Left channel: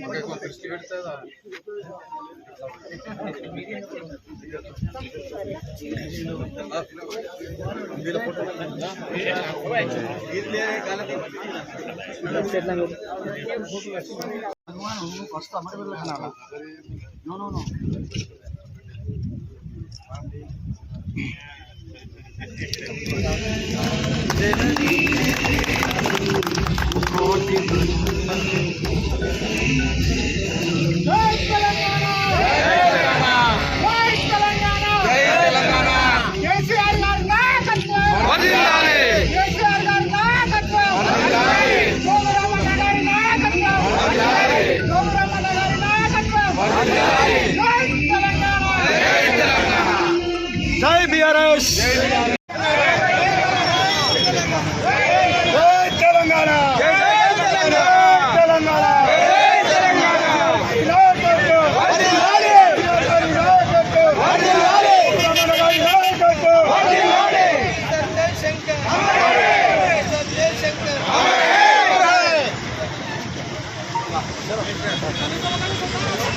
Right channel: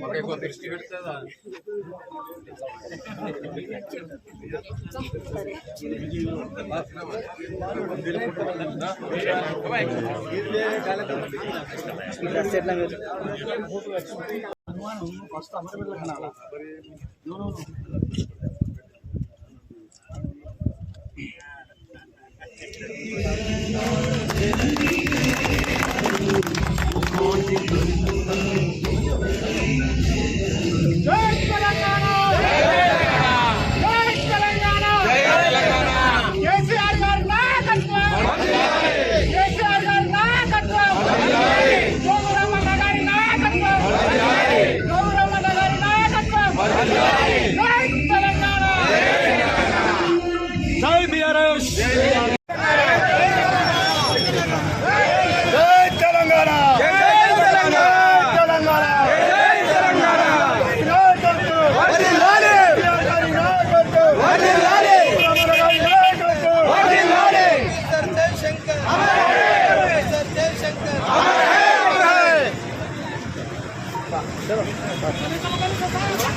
మాకు దృష్టి పెడుతుందా ఎట్లా కేసీఆర్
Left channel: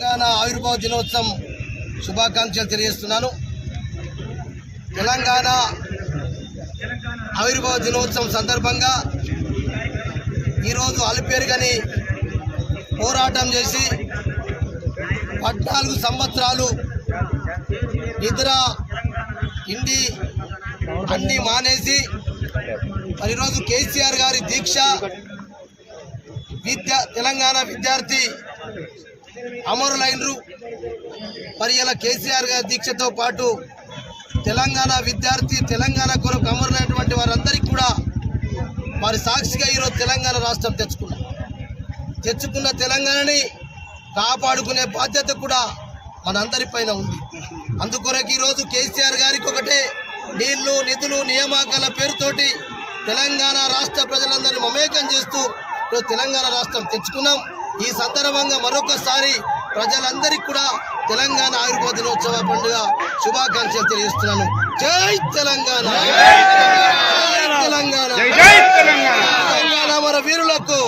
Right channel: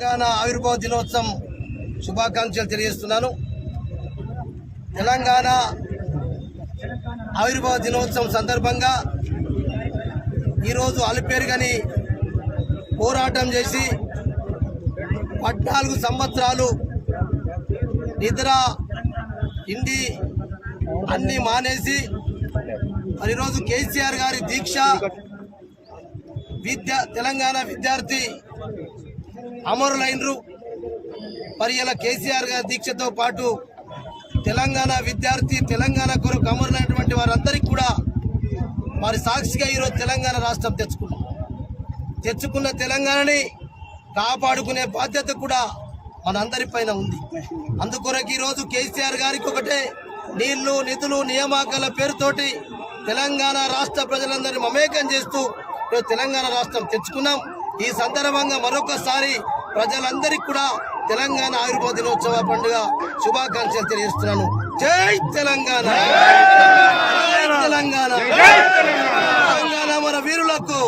తెలంగాణ ఆవిర్భావ దినోత్సవం శుభాకాంక్షలు తెలియజేస్తున్నాను. తెలంగాణ ఆవిర్భావ దినోత్సవం సందర్భంగా ఈరోజు అలుపేరుగని పోరాటం చేసి పద్నాలుగు సంవత్సరాలు నిద్ర ఇండి అన్నీ మానేసి మరి ఈరోజు కేసీఆర్ గారి దీక్ష విద్య తెలంగాణ విద్యార్థి అమరులైనరు మరి ఇలా కేసీఆర్ గారి దీక్షతో పాటు తెలంగాణ విద్యార్థి తెలంగాణ కొరకు అమరులైనటువంటి వారందరికీ కూడా వారి సాక్షిగా ఈరోజు తెలంగాణ రాష్ట్రం తెచ్చుకున్నాం. తెచ్చుకున్న తెలంగాణని కాపాడుకునే బాధ్యత కూడా మనందరిపైన ఉంది. అందుకొరకు ఈరోజు కేసీఆర్ గారికి ఒకటే నీళ్ళు నిధులు నియామకాల పేరుతోటి తెలంగాణ రాష్ట్ర ప్రజలందరినీ మమేకం చేస్తూ ఈరోజు తెలంగాణ రాష్ట్రం తెచ్చుకున్నాం. ఈ సందర్భంగా మరొకసారి ప్రజలందరికీ కూడా తెలంగాణ ఆయుర్వేద దినోత్సవ పండుగ శుభాకాంక్షలు తెలియజేస్తున్నాను. జై తెలంగాణ! తెలంగాణ! తెలంగాణ! మన వీరులకు!